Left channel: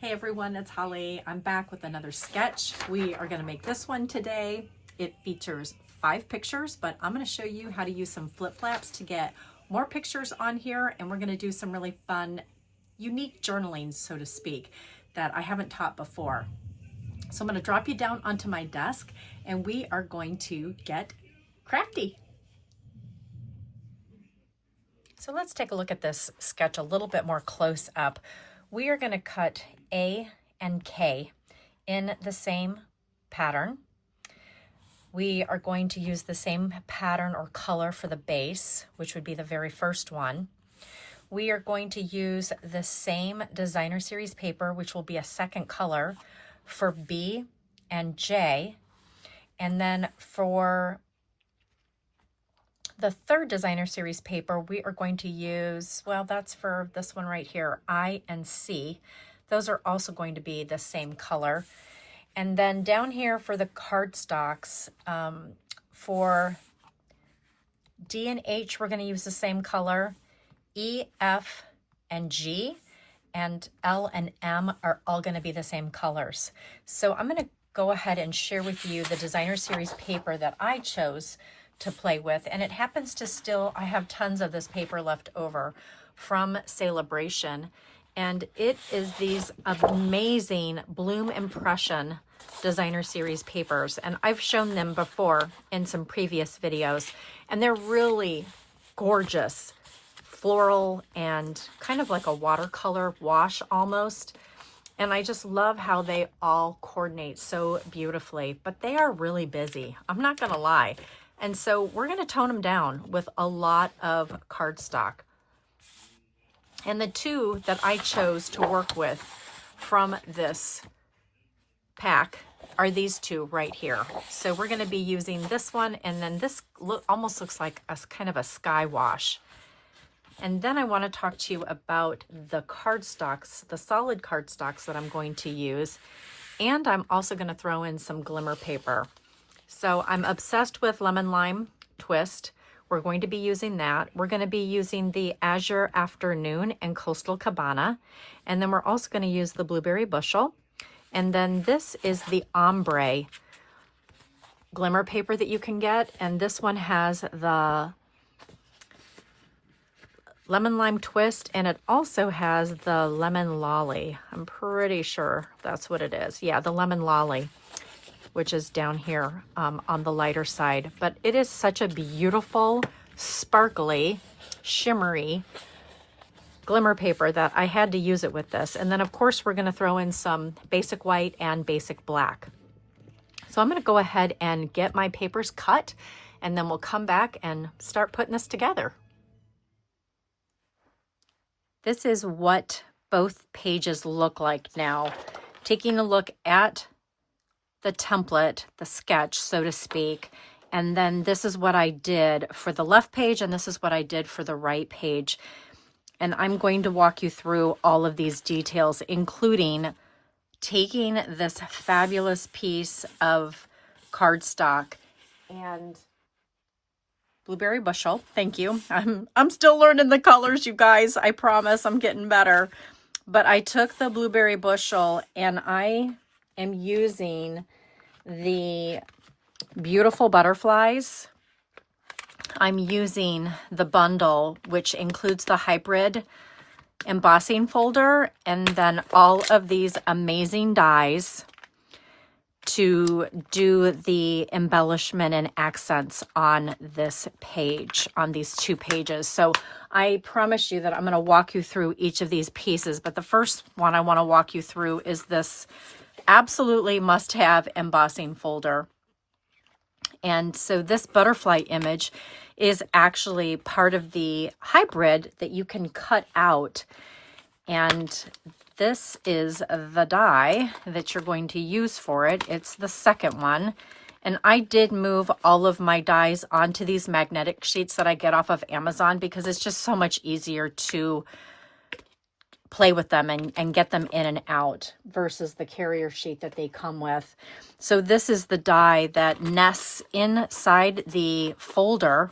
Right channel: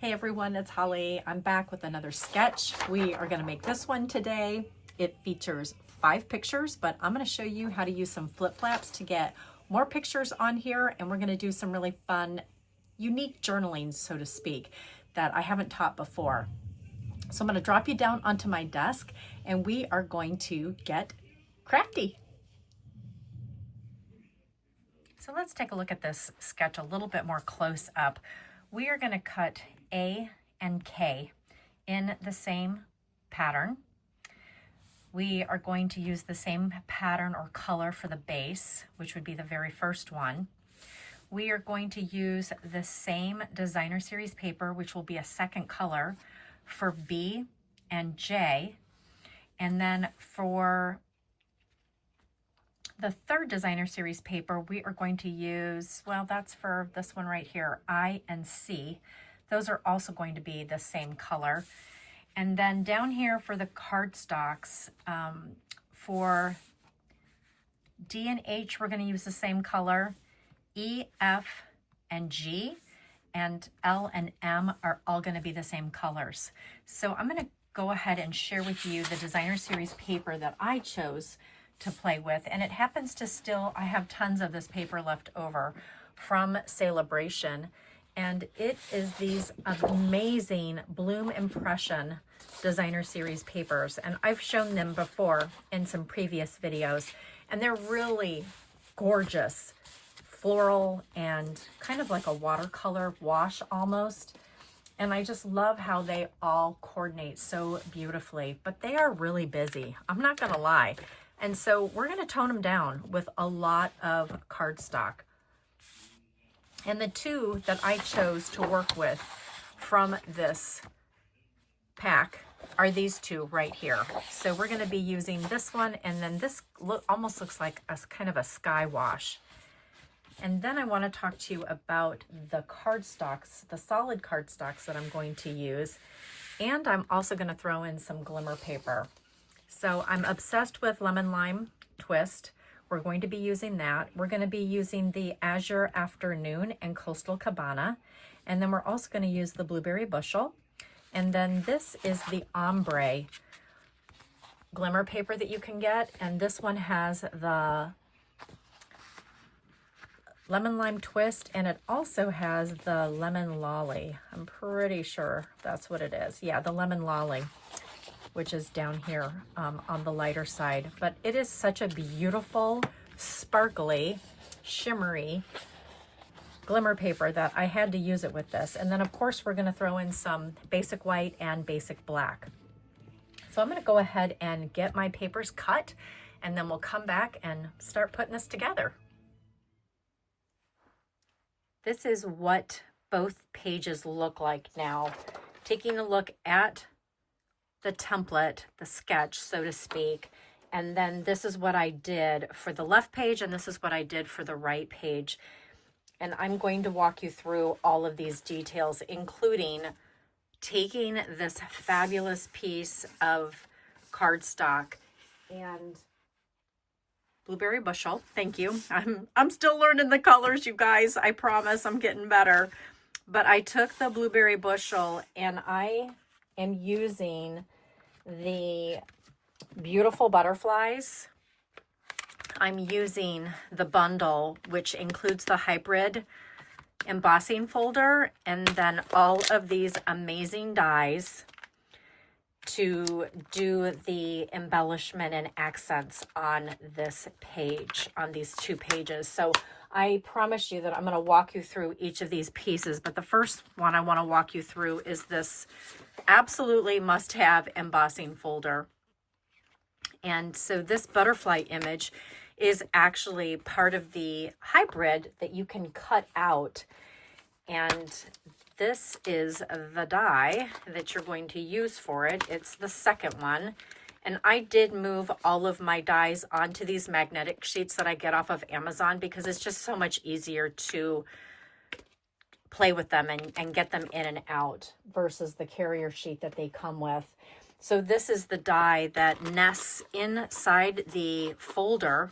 Hey everyone, it's Holly. I'm back with another sketch. We are going to make this one today. It features 5 pictures, but I'm going to show you how to use some flip flaps to get more pictures on here, and we're going to do some really fun, unique journaling, so to speak, that I haven't taught before. So I'm going to drop you down onto my desk, and we are going to get crafty. So let's take a look at this sketch a little bit more close up. We are going to cut A and K in the same pattern. We are going to use the same pattern or color for the base, which would be the very first one. We are going to use the same designer series paper, which will be a second color for B and J. And then for the third designer series paper, we are going to use, well, that's for this one right here, I and C. Those are also going to be the same color. And then down here for the cardstocks, for D and H, we're going to use the same color. E, F, and G, and L and M are all going to be the same colors. So I'm going to go ahead and share with you the designer series paper that I chose to play with, and it happens to still, I have tons of this paper left over from Celebration, and it is these amazing Bloom Impression designer series papers, and I've shown them before in some previous videos, and they're really gorgeous, floral and kind of like a watercolor wash almost. And I just love how they all coordinate so beautifully, but they are really busy, I'm not gonna lie. And so we're going to tone them down with a lot of cardstock. And the two that I chose to work with from this pack are these two right here. So we're going to be using this one, and then this almost looks like a kind of a sky wash. And then I want to talk to you about the cardstocks, the solid cardstocks that I'm going to use. And I'm also going to throw in some glimmer paper. So I'm obsessed with Lemon Lime Twist. We're going to be using that. We're going to be using the Azure Afternoon and Coastal Cabana. And then we're also going to use the Blueberry Bushel. And then this is the Ombre glimmer paper that you can get. And this one has the Lemon Lime Twist, and it also has the Lemon Lolly. I'm pretty sure that's what it is. Yeah, the Lemon Lolly, which is down here on the lighter side. But it is such a beautiful, sparkly, shimmery glimmer paper that I had to use it with this. And then of course we're gonna throw in some basic white and basic black. So I'm gonna go ahead and get my papers cut, and then we'll come back and start putting this together. This is what both pages look like now. Taking a look at the template, the sketch, so to speak, and then this is what I did for the left page, and this is what I did for the right page. And I'm going to walk you through all of these details, including taking this fabulous piece of cardstock and Blueberry Bushel. Thank you. I'm still learning the colors, you guys. I promise I'm getting better. But I took the Blueberry Bushel, and I am using the beautiful butterflies. I'm using the bundle, which includes the Hybrid Embossing Folder, and then all of these amazing dies to do the embellishment and accents on this page, on these 2 pages. So I promise you that I'm going to walk you through each of these pieces, but the first one I want to walk you through is this absolutely must-have embossing folder. And so this butterfly image is actually part of the hybrid that you can cut out. And this is the die that you're going to use for it. It's the second one. And I did move all of my dies onto these magnetic sheets that I get off of Amazon, because it's just so much easier to play with them and get them in and out versus the carrier sheet that they come with. So this is the die that nests inside the folder,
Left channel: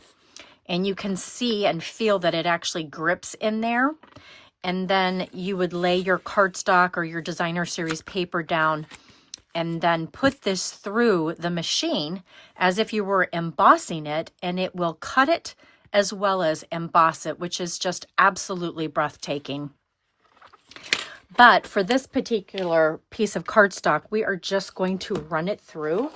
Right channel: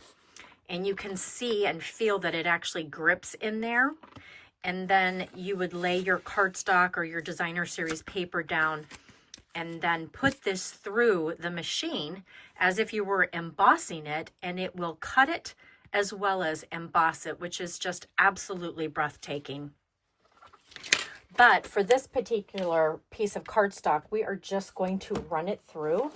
and you can see and feel that it actually grips in there. and then you would lay your cardstock or your designer series paper down and then put this through the machine as if you were embossing it, and it will cut it as well as emboss it, which is just absolutely breathtaking. But for this particular piece of cardstock, we are just going to run it through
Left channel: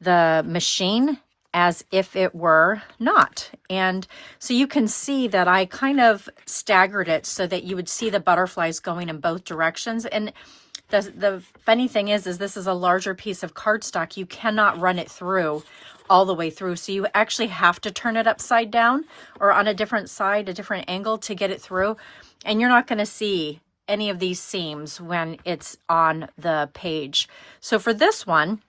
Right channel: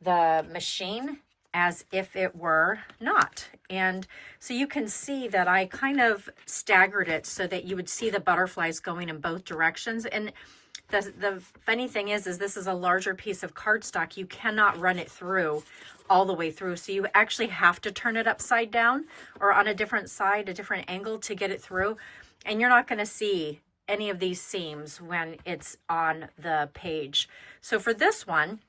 the machine as if it were not. And so you can see that I kind of staggered it so that you would see the butterflies going in both directions. And the funny thing is this is a larger piece of cardstock. You cannot run it through all the way through. So you actually have to turn it upside down or on a different side, a different angle to get it through. And you're not going to see any of these seams when it's on the page. So for this one,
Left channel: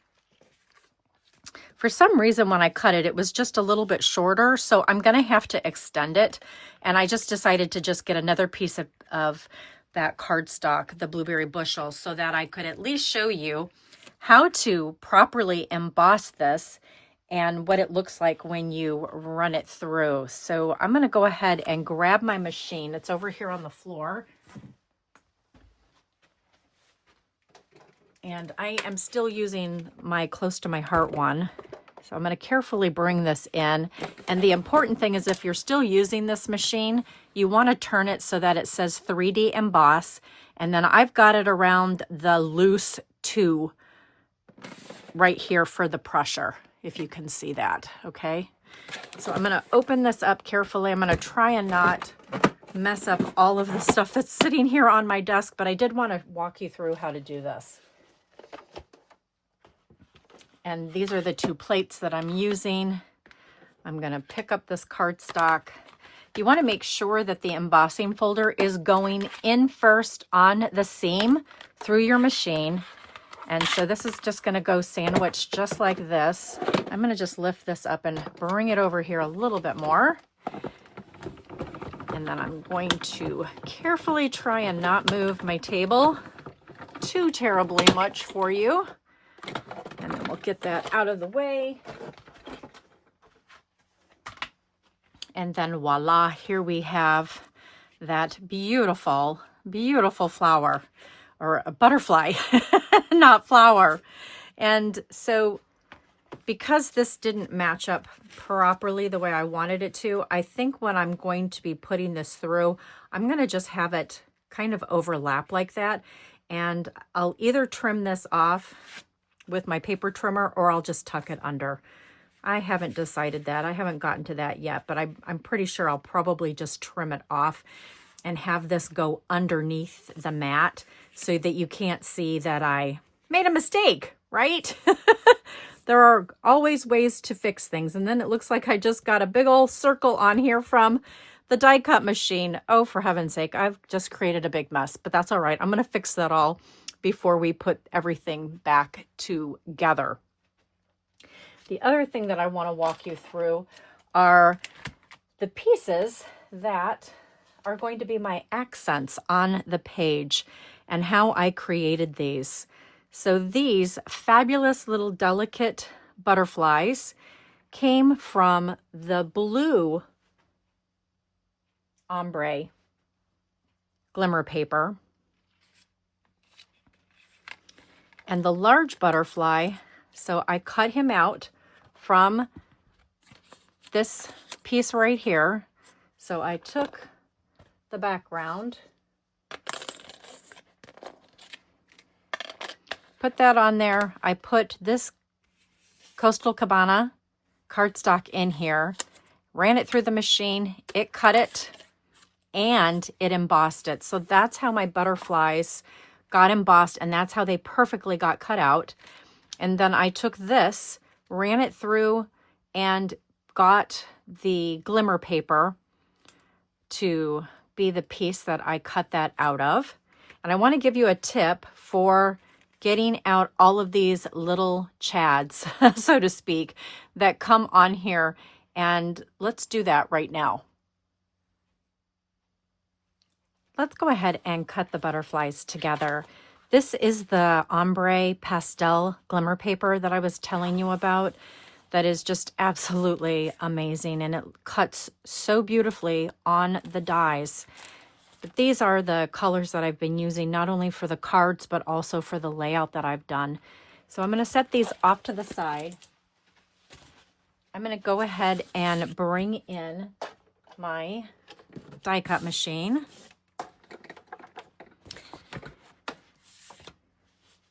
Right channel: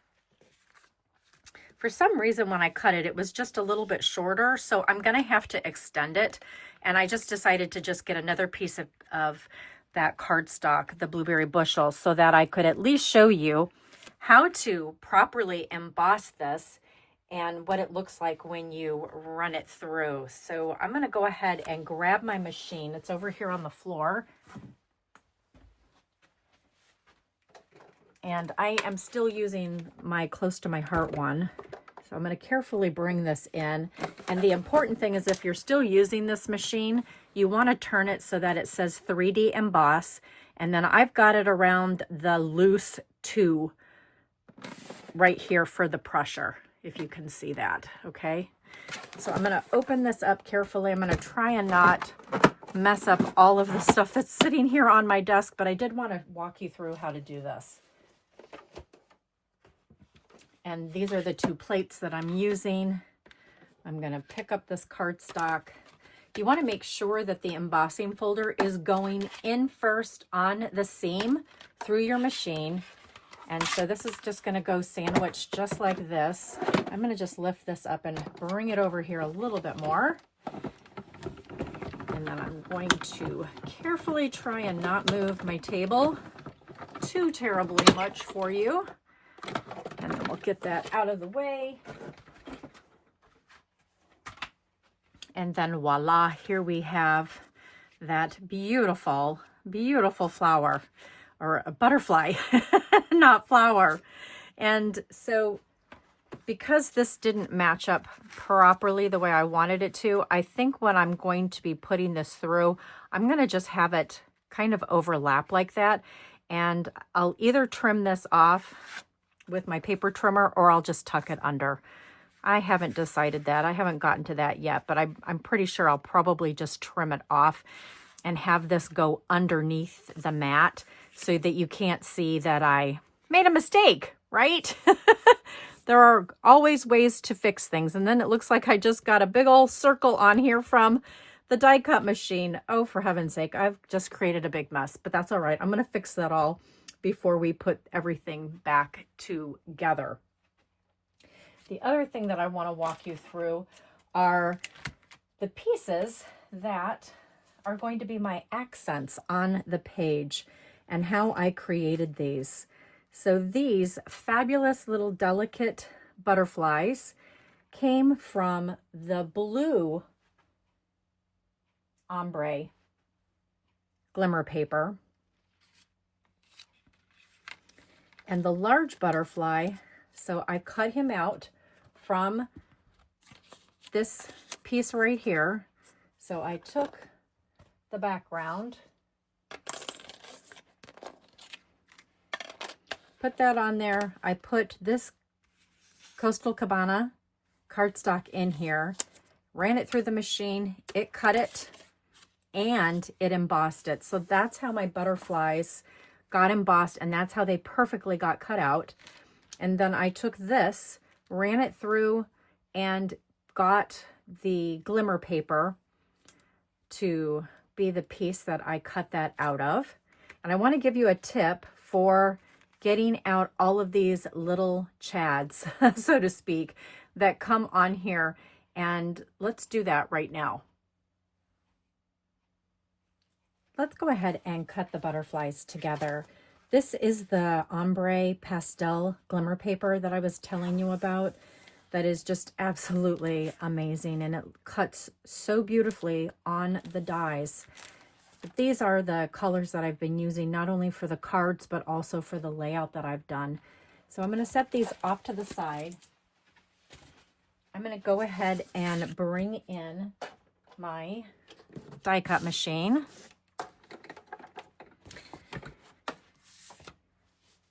for some reason when I cut it, it was just a little bit shorter. So I'm going to have to extend it. And I just decided to just get another piece of that cardstock, the blueberry bushel, so that I could at least show you how to properly emboss this and what it looks like when you run it through. So I'm going to go ahead and grab my machine. It's over here on the floor. And I am still using my close to my heart one. So I'm going to carefully bring this in. And the important thing is if you're still using this machine, you want to turn it so that it says 3D emboss. And then I've got it around the loose 2 right here for the pressure, if you can see that, okay? So I'm going to open this up carefully. I'm going to try and not mess up all of the stuff that's sitting here on my desk, but I did want to walk you through how to do this. And these are the 2 plates that I'm using. I'm going to pick up this cardstock. You want to make sure that the embossing folder is going in first on the seam through your machine. And so this is just going to go sandwiched just like this. I'm going to just lift this up and bring it over here a little bit more. And then I'm going to carefully try and not move my table too terribly much for you. And then we'll get that out of the way. And then voila, here we have that beautiful, beautiful flower, or a butterfly, not flower. And so because this didn't match up properly the way I wanted it to, I think when I'm going to be putting this through, I'm going to just have it kind of overlap like that. And I'll either trim this off with my paper trimmer or I'll just tuck it under. I haven't decided that. I haven't gotten to that yet, but I'm pretty sure I'll probably just trim it off and have this go underneath the mat so that you can't see that I made a mistake, right? There are always ways to fix things. And then it looks like I just got a big old circle on here from the die cut machine. Oh, for heaven's sake, I've just created a big mess, but that's all right. I'm going to fix that all before we put everything back together. The other thing that I want to walk you through are the pieces that are going to be my accents on the page and how I created these. So these fabulous little delicate butterflies came from the blue ombre glimmer paper. And the large butterfly, so I cut him out from this piece right here. So I took the background, put that on there. I put this Coastal Cabana cardstock in here, ran it through the machine, it cut it, and it embossed it. So that's how my butterflies got embossed, and that's how they perfectly got cut out. And then I took this, ran it through, and got the glimmer paper to be the piece that I cut that out of. And I want to give you a tip for getting out all of these little chads, so to speak, that come on here. And let's do that right now. Let's go ahead and cut the butterflies together. This is the ombre pastel glimmer paper that I was telling you about. That is just absolutely amazing, and it cuts so beautifully on the dies. But these are the colors that I've been using, not only for the cards, but also for the layout that I've done. So I'm going to set these off to the side. I'm going to go ahead and bring in my die cut machine.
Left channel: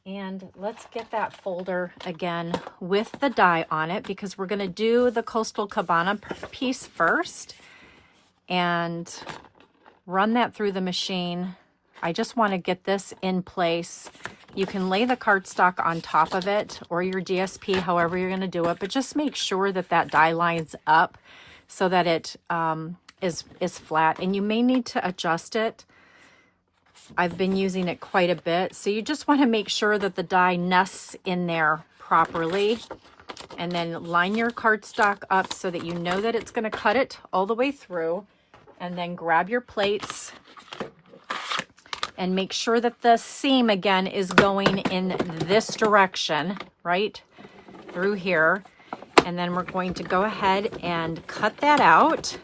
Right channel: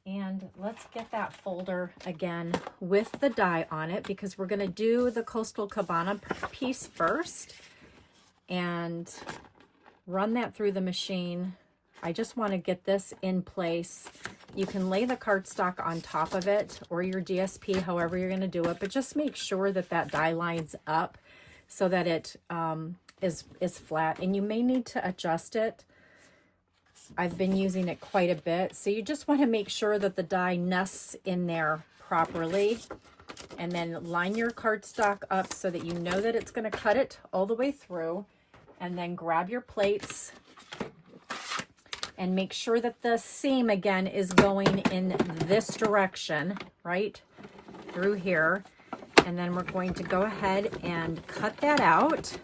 And let's get that folder again with the die on it, because we're going to do the Coastal Cabana piece first and run that through the machine. I just want to get this in place. You can lay the cardstock on top of it or your DSP, however you're going to do it, but just make sure that that die lines up so that it is flat, and you may need to adjust it. I've been using it quite a bit, so you just want to make sure that the die nests in there properly, and then line your cardstock up so that you know that it's going to cut it all the way through, and then grab your plates and make sure that the seam again is going in this direction, right through here. And then we're going to go ahead and cut that out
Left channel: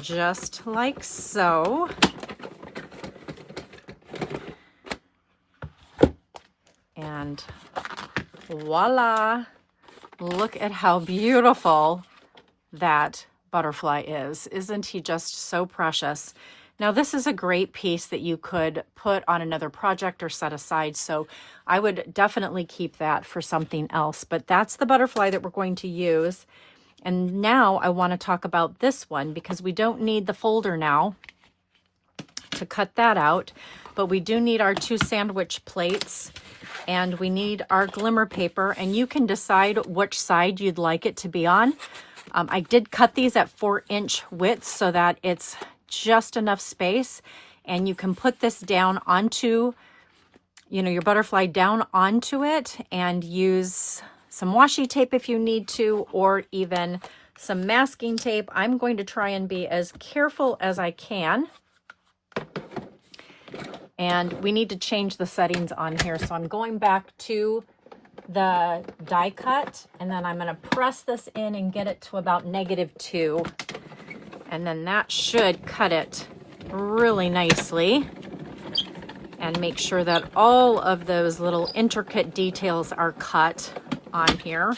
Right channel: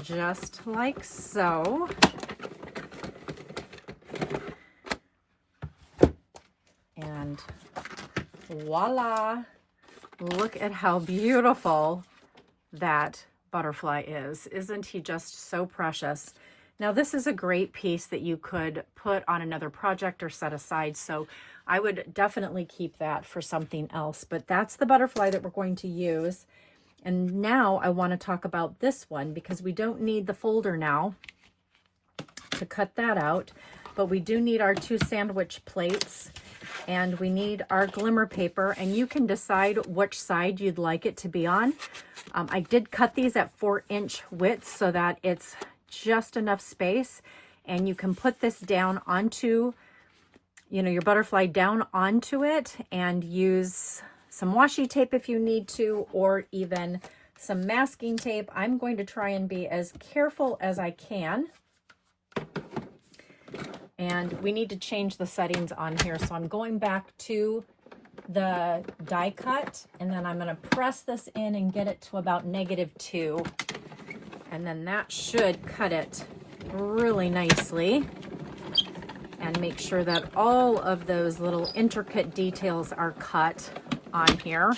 just like so. And voila, look at how beautiful that butterfly is. Isn't he just so precious? Now this is a great piece that you could put on another project or set aside, so I would definitely keep that for something else. But that's the butterfly that we're going to use. And now I want to talk about this one, because we don't need the folder now to cut that out, but we do need our 2 sandwich plates, and we need our glimmer paper, and you can decide which side you'd like it to be on. I did cut these at 4-inch widths so that it's just enough space, and you can put this down onto, you know, your butterfly down onto it, and use some washi tape if you need to, or even some masking tape. I'm going to try and be as careful as I can. And we need to change the settings on here. So I'm going back to the die cut, and then I'm going to press this in and get it to about -2. And then that should cut it really nicely and make sure that all of those little intricate details are cut on here.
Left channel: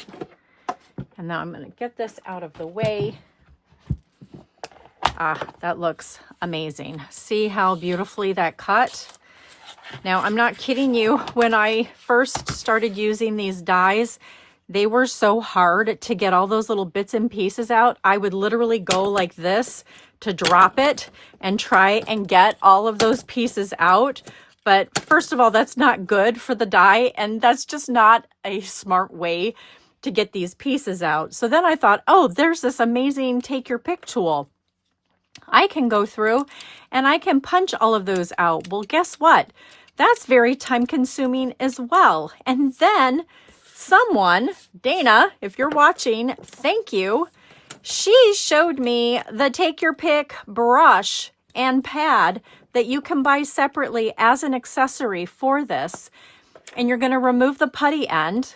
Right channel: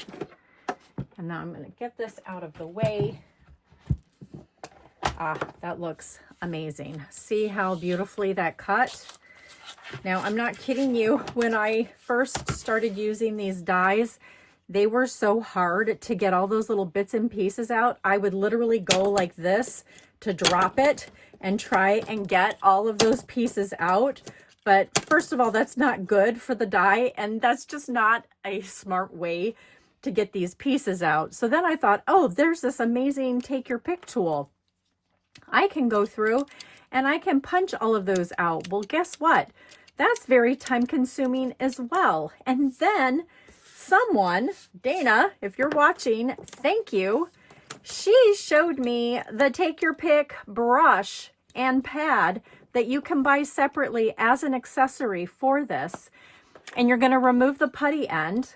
And now I'm going to get this out of the way. That looks amazing. See how beautifully that cut? Now, I'm not kidding you. When I first started using these dies, they were so hard to get all those little bits and pieces out. I would literally go like this to drop it and try and get all of those pieces out. But first of all, that's not good for the die, and that's just not a smart way to get these pieces out. So then I thought, oh, there's this amazing take your pick tool. I can go through and I can punch all of those out. Well, guess what? That's very time consuming as well. And then someone, Dana, if you're watching, thank you. She showed me the take your pick brush and pad that you can buy separately as an accessory for this. And you're going to remove the putty end,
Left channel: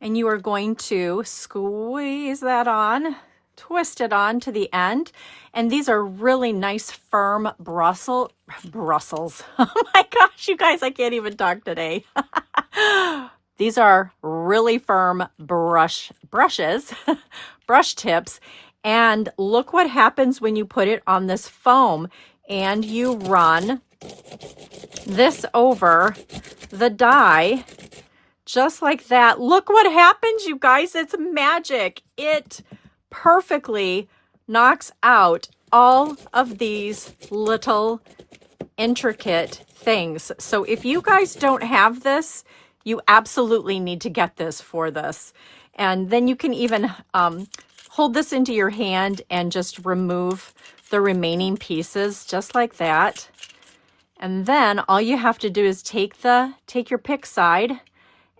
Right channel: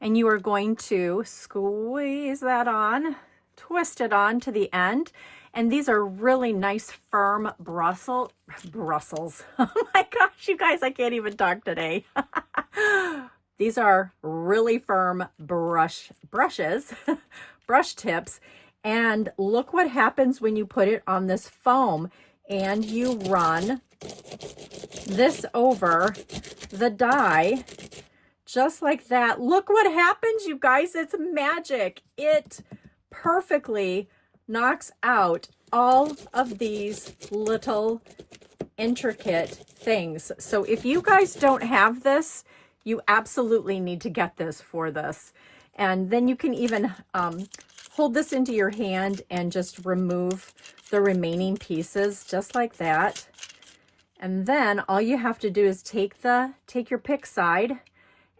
and you are going to squeeze that on, twist it on to the end. And these are really nice, firm Brussels. Oh my gosh, you guys, I can't even talk today. These are really firm brushes, brush tips. And look what happens when you put it on this foam and you run this over the die just like that. Look what happens, you guys. It's magic. It perfectly knocks out all of these little intricate things. So if you guys don't have this, you absolutely need to get this for this. And then you can even hold this into your hand and just remove the remaining pieces just like that. And then all you have to do is take your pick side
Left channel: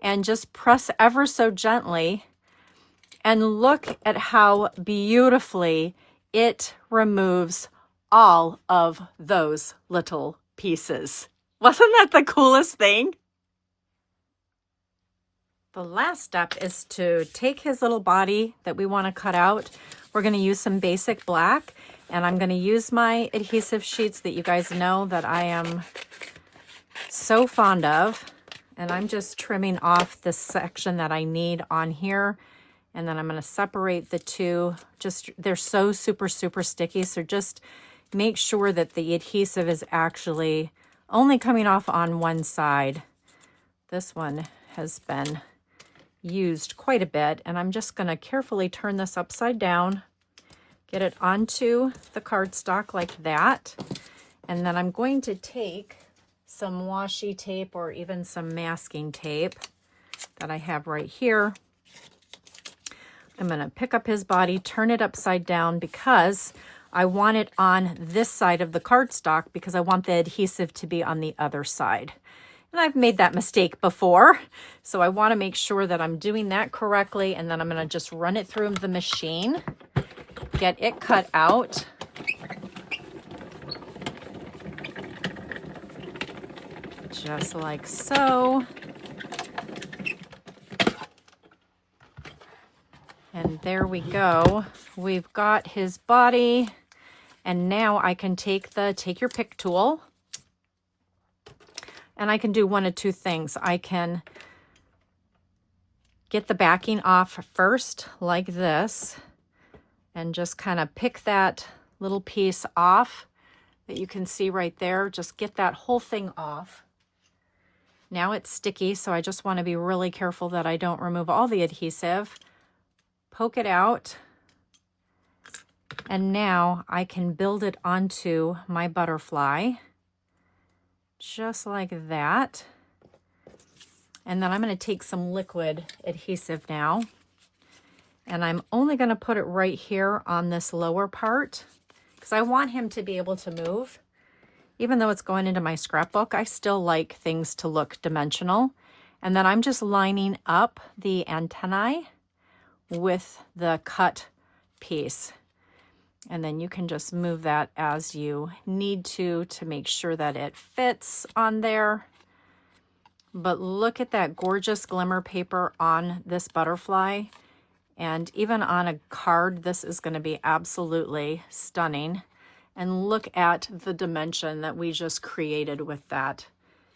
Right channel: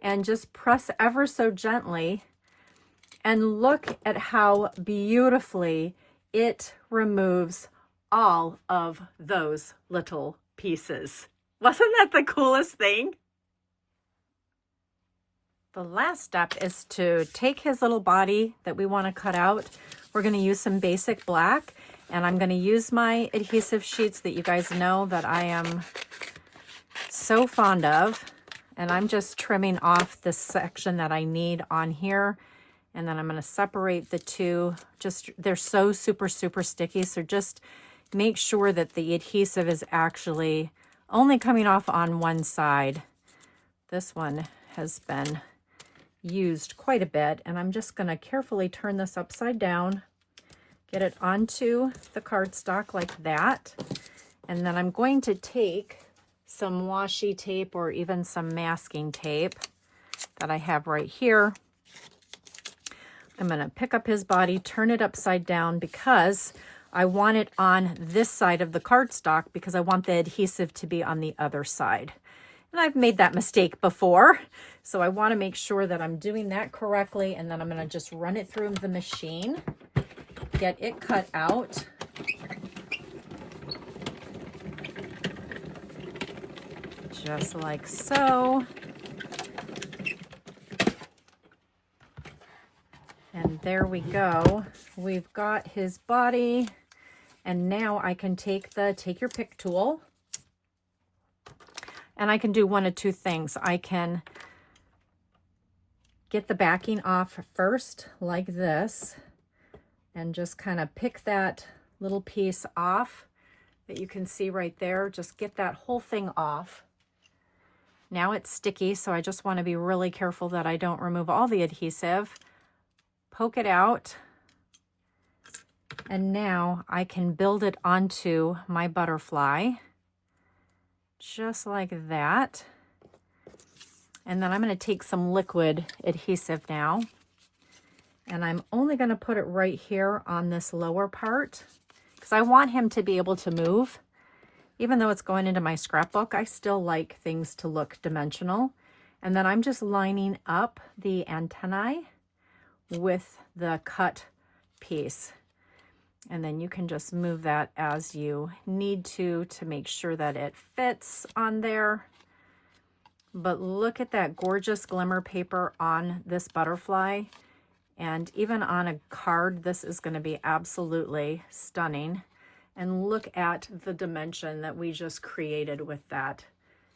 and just press ever so gently, and look at how beautifully it removes all of those little pieces. Wasn't that the coolest thing? The last step is to take his little body that we want to cut out. We're going to use some basic black, And I'm going to use my adhesive sheets that you guys know that I am so fond of. And I'm just trimming off the section that I need on here. And then I'm going to separate the two. They're so super sticky. So just make sure that the adhesive is actually only coming off on one side. This one has been used quite a bit. And I'm just going to carefully turn this upside down. Get it onto the cardstock like that. And then I'm going to take some washi tape or even some masking tape that I have right here. I'm going to pick up his body, turn it upside down because I want it on this side of the cardstock because I want the adhesive to be on the other side. And I've made that mistake before. So I want to make sure that I'm doing that correctly. And then I'm going to just run it through the machine. Get it cut out. Just like so. And there we go. We've got his body. And now I can take your pick tool. And I can do one of two things. I can get the backing off first like this. And just kind of pick that little piece off that you can see right there. Just get that whole thing off. Now it's sticky, so I just want to be really careful that I don't remove all the adhesive. Poke it out. And now I can build it onto my butterfly. Just like that. And then I'm going to take some liquid adhesive now. And I'm only going to put it right here on this lower part because I want him to be able to move. Even though it's going into my scrapbook, I still like things to look dimensional. And then I'm just lining up the antennae with the cut piece. And then you can just move that as you need to make sure that it fits on there. But look at that gorgeous glimmer paper on this butterfly. And even on a card, this is going to be absolutely stunning. And look at the dimension that we just created with that.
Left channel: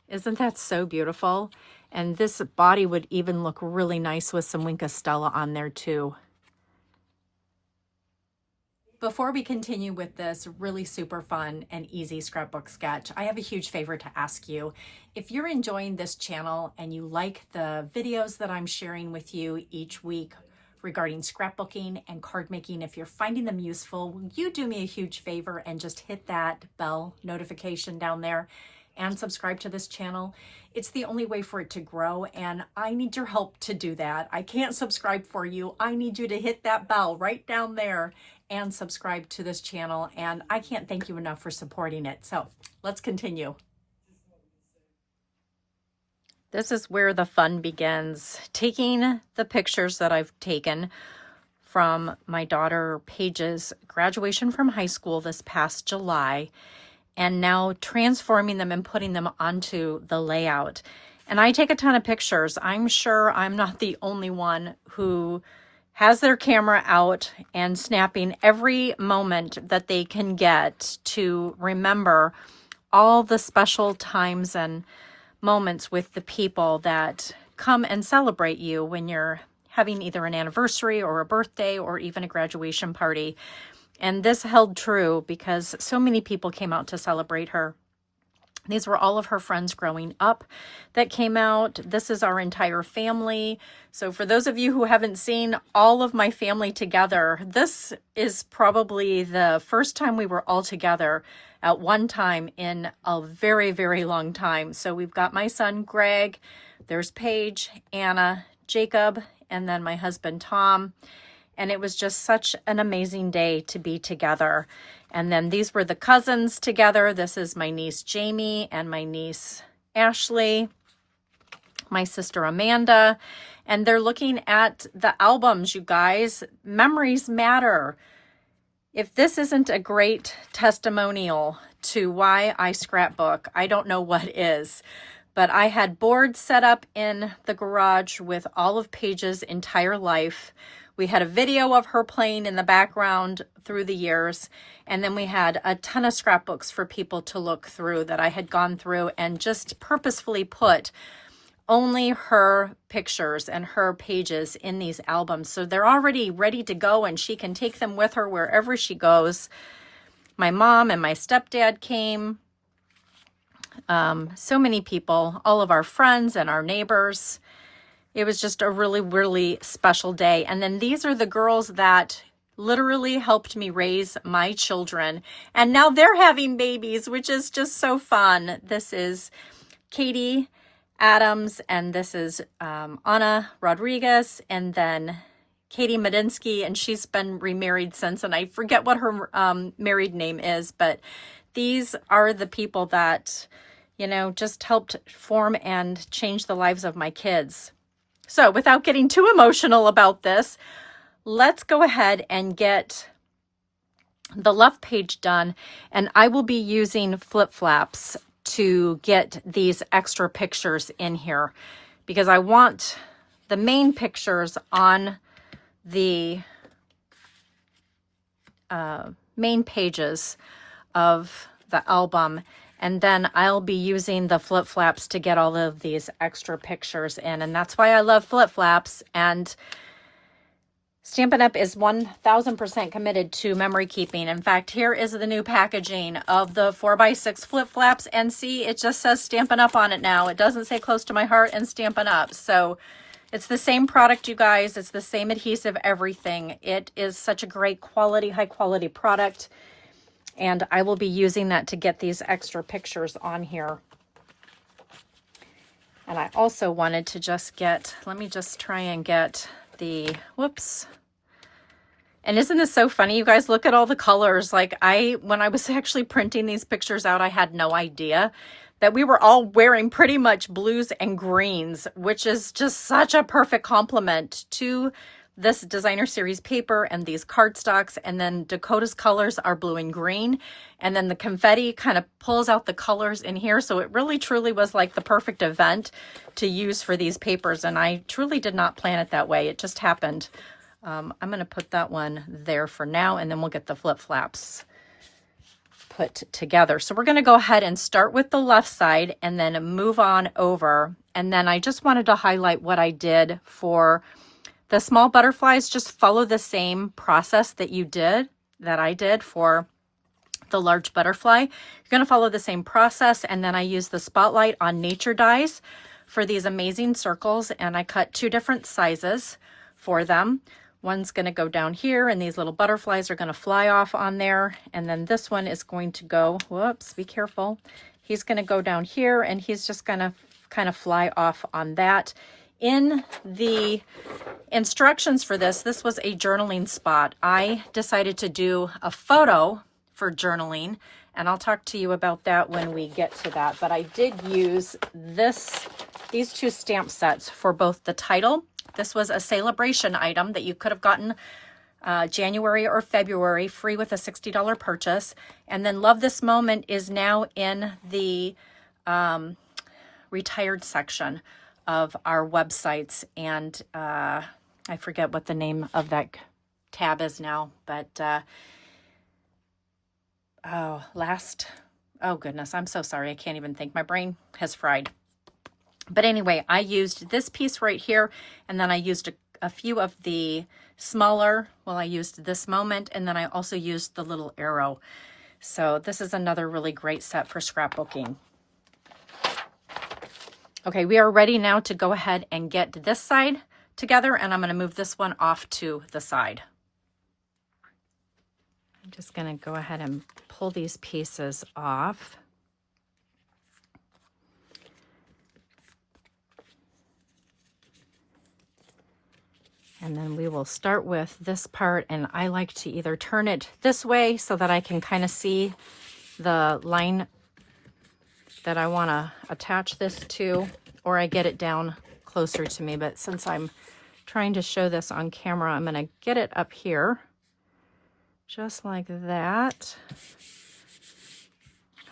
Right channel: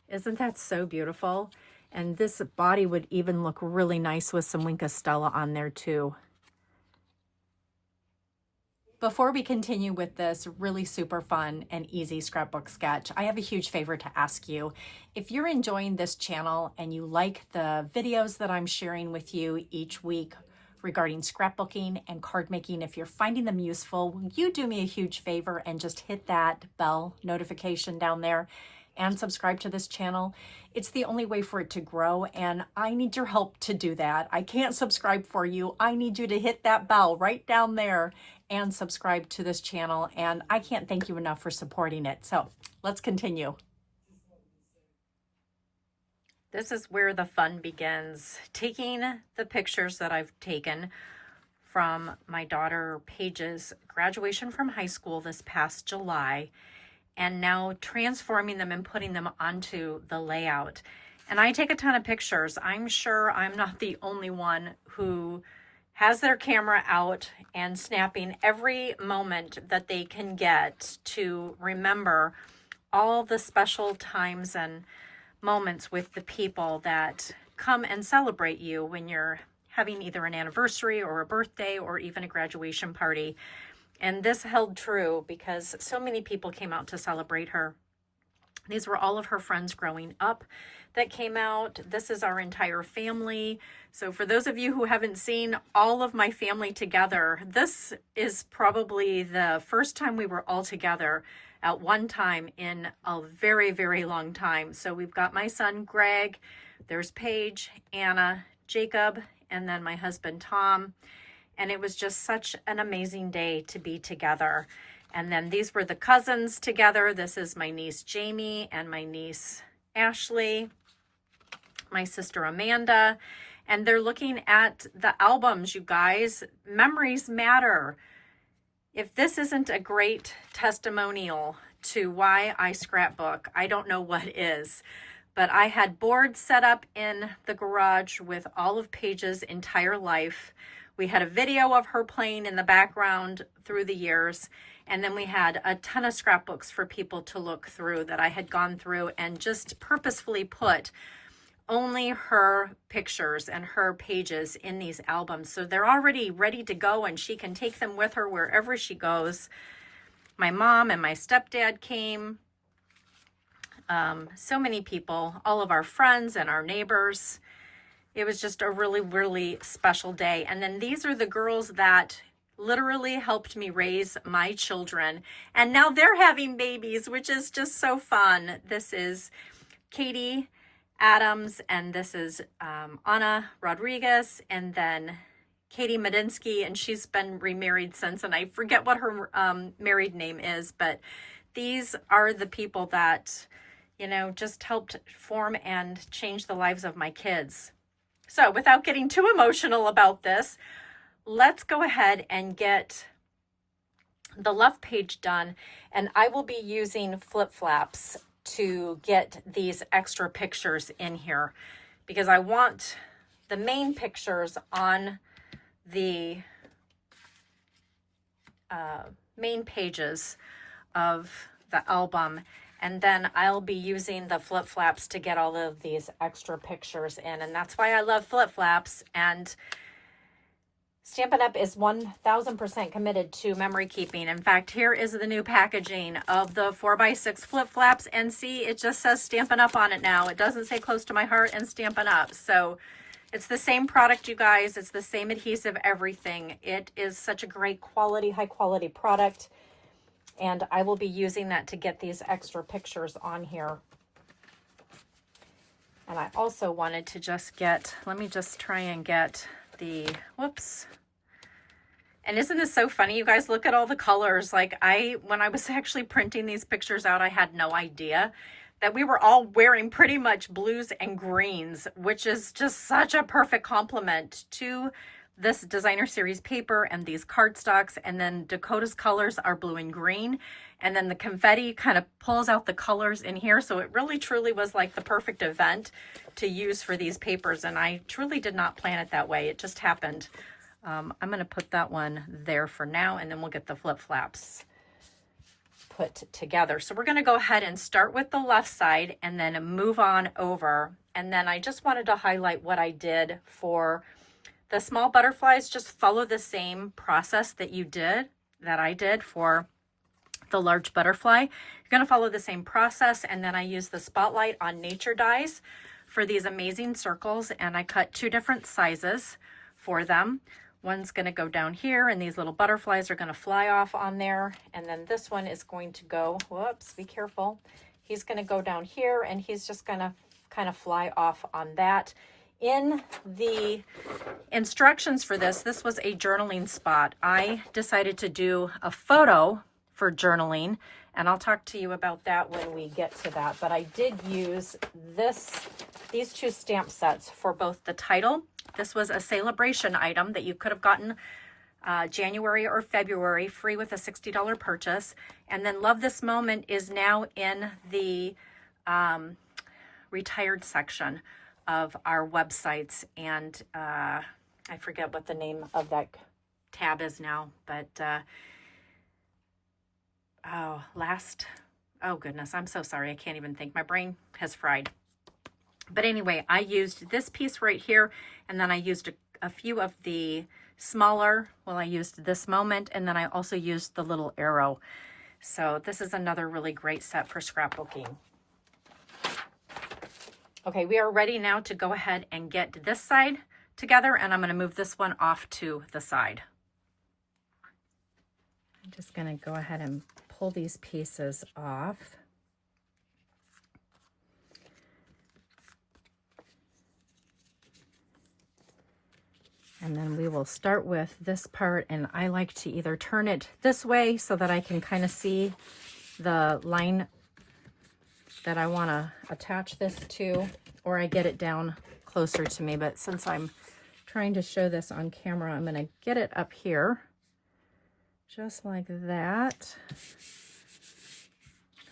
Isn't that so beautiful? And this body would even look really nice with some Wink of Stella on there too. Before we continue with this really super fun and easy scrapbook sketch, I have a huge favor to ask you. If you're enjoying this channel and you like the videos that I'm sharing with you each week regarding scrapbooking and card making, if you're finding them useful, will you do me a huge favor and just hit that bell notification down there and subscribe to this channel? It's the only way for it to grow, and I need your help to do that. I can't subscribe for you. I need you to hit that bell right down there and subscribe to this channel, and I can't thank you enough for supporting it. So let's continue. This is where the fun begins. Taking the pictures that I've taken from my daughter Paige's graduation from high school this past July, and now transforming them and putting them onto the layout. And I take a ton of pictures. I'm sure I'm not the only one who has their camera out and snapping every moment that they can get to remember all the special times and moments with the people that come and celebrate you when you're having either an anniversary or a birthday or even a graduation party. And this held true because so many people came out to celebrate her. These were all of her friends growing up that came out. This is our entire family. So for those of you who haven't seen all of my family together, this is probably the first time we were all together at one time in a very, very long time. So we've got my son, Greg, there's Paige, Anna, Jacob, and then my husband, Tom. And it was just such an amazing day to be together. And then these were the cousins together. This is my niece, Jamie, and my niece, Ashley, my sister, Amanda. And they're looking at the albums, you guys. Memories matter. If this isn't a great testimonial to why I scrapbook, I don't know what is. But I had boards set up in the garage with all of Paige's entire life. We had a video of her playing in the background through the years. And then we had a ton of scrapbooks for people to look through that I had gone through and just purposefully put only her pictures and her pages in these albums. So they're already ready to go and she can take them with her wherever she goes. My mom and my stepdad came. So many people, all of our friends and our neighbors. It was just a really, really special day. And then these are the girls that literally helped me raise my children. And now they're having babies, which is just so fun. This is Katie Adams, and this is Anna Rodriguez, and then Katie Medinsky, and she's been remarried since, and I forget what her married name is, but these are the people that, you know, just helped form and change the lives of my kids. So without getting too emotional about this, let's go ahead and get the left page done, and I will be using flip flaps to get these extra pictures in here because I want the main pictures on the main pages of the album, and then I'll be using the flip flaps to get all of these extra pictures in. And that's why I love flip flaps. And Stampin' Up! Is 1000% committed to memory keeping. In fact, here is the new packaging of the 4x6 flip flaps. And see, it just says Stampin' Up! On it now. It doesn't say Close to My Heart and Stampin' Up! So it's the same product, you guys. It's the same adhesive, everything. It is such a great quality, high quality product. And I will be using that to get these extra pictures on here. And I also wanted to just get, let me just try and get the, whoops. And isn't this so funny? You guys, look at all the colors. Like when I was actually printing these pictures out, I had no idea that we were all wearing pretty much blues and greens, which is just such a perfect complement to this designer series paper and these cardstocks. And then Dakota's colors are blue and green. And then the confetti kind of pulls out the colors in here. So it really truly was like the perfect event to use for these papers. And I truly did not plan it that way. It just happened. I'm going to put that one there for now, and then we'll get the flip flaps put together. So we're going to go ahead and start with the left side and then move on over. And then I just wanted to highlight what I did for the small butterflies. Just follow the same process that I did for the large butterfly. You're going to follow the same process. And then I use the Spotlight on Nature dies for these amazing circles. And I cut 2 different sizes for them. One's going to go down here, and these little butterflies are going to fly off on there. And then this one is going to go, whoops, be careful. He's going to go down here, and he's just going to kind of fly off on that. In the instructions for this was a journaling spot. I decided to do a photo for journaling, and I'll talk to you about that when we get to that. But I did use these 2 stamp sets for both the title. This was a celebration item that you could have gotten January or February, free with a $60 purchase. And then Love This Moment is now in the retired section of our websites. And I forget what the name of that tab is now, but oh goodness, I'm so sorry. I can't even think. My brain has fried. But anyway, I used this piece right here, and then I used a few of the smaller, I used This Moment, and then I also used the little arrow. So this is another really great set for scrapbooking. Okay, we are ready now to go ahead and get this side together, and I'm going to move this one off to the side. I'm just going to go ahead and pull these pieces off. And then we will start with this part, and I like to either turn it this way so that I can kind of see the line that I want to attach this to, or I get it down closer to me. But since I'm trying to show this on camera, I'm going to get it up here, just like that.